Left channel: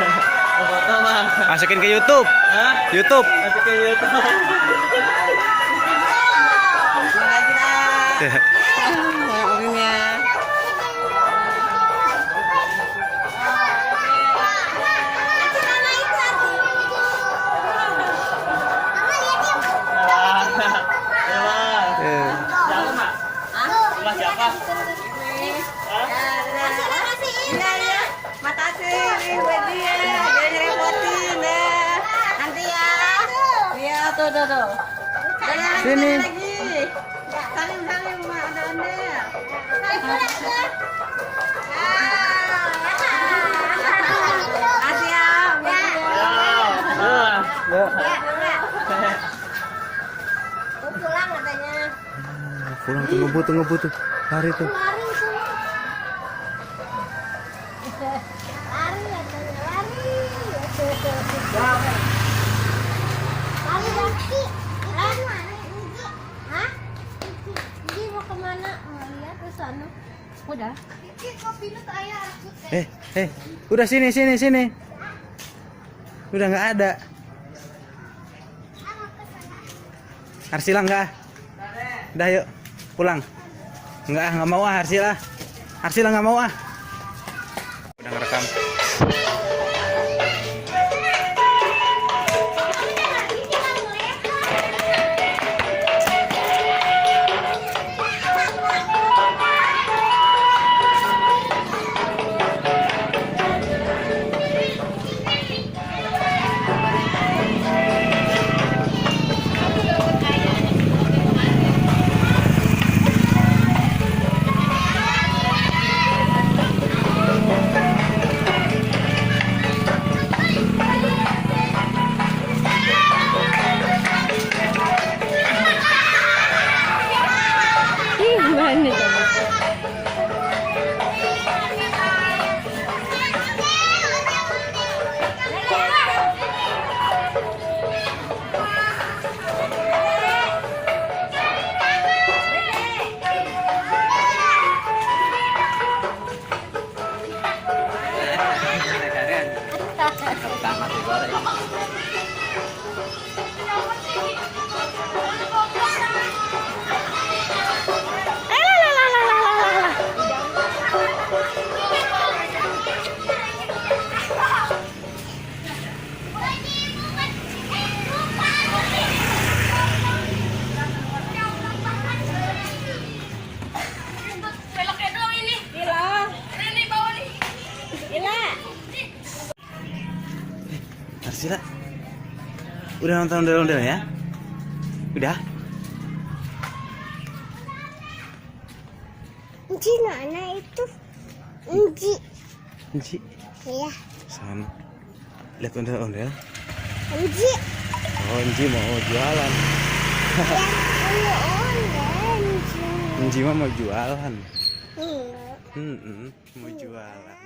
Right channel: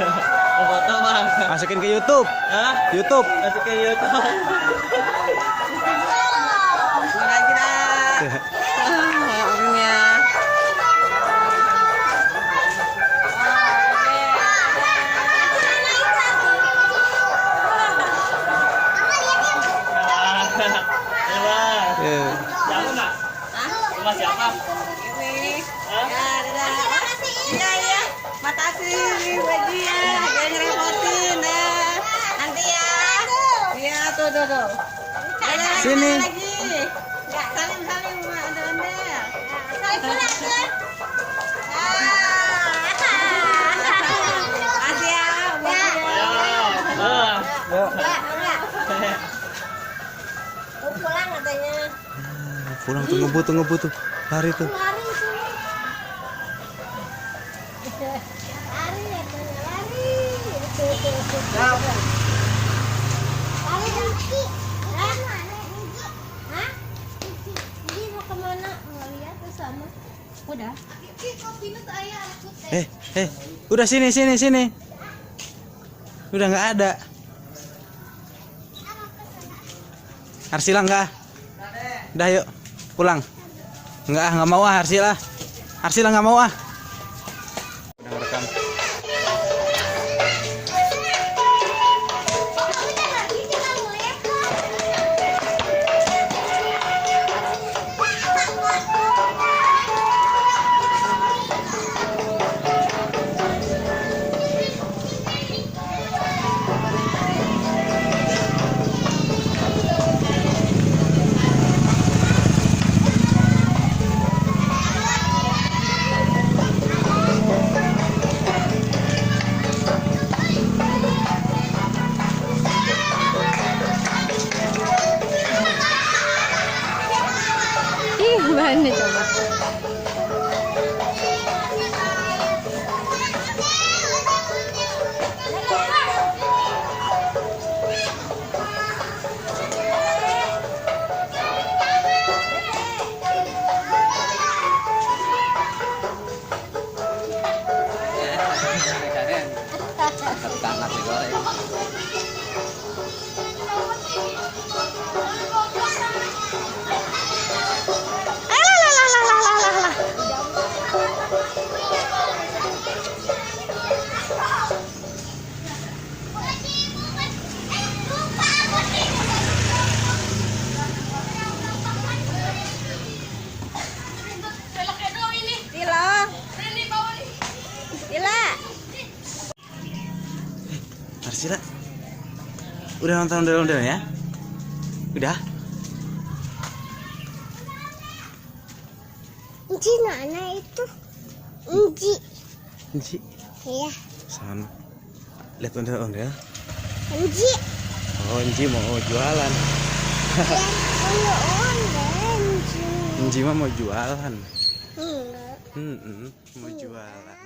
Oh, foto mah. Masukin ke YouTube. Hah? YouTube. Masuk ke YouTube. Omnya. Siapa, Mak? Hah? Siapa? Ini. Iya, iya. Makasih buat dia. Dia ngerepotin ya. Nanti ya. Iya, tuh. Sini. Lagi. Salim Mak, Anda. Kasih ya buat dia. Pulang katanya. Pulang tuh ngebut tuh. Lari tuh. Lari ya, lari. Lari Rizky. Hah? Rizky mau kemana? Mau lihat ke sana. Udah. Udah sini. Udah nggak ada. Arsila enggak? Udah yuk pulang. Nggak mau Arsila. Arsila nggak mau ah. Udah ngerekam. Mana coba? Arsila. Udah nonton ondel-ondel ya? Udah? Inci mana itu? Inci. Inci. Iya. Sana. Lihat ondel-ondel. Inci. Oh, Inci mau jualan. Iya, Inci. Inci mah mau jualan. Enggak. Mau jualan.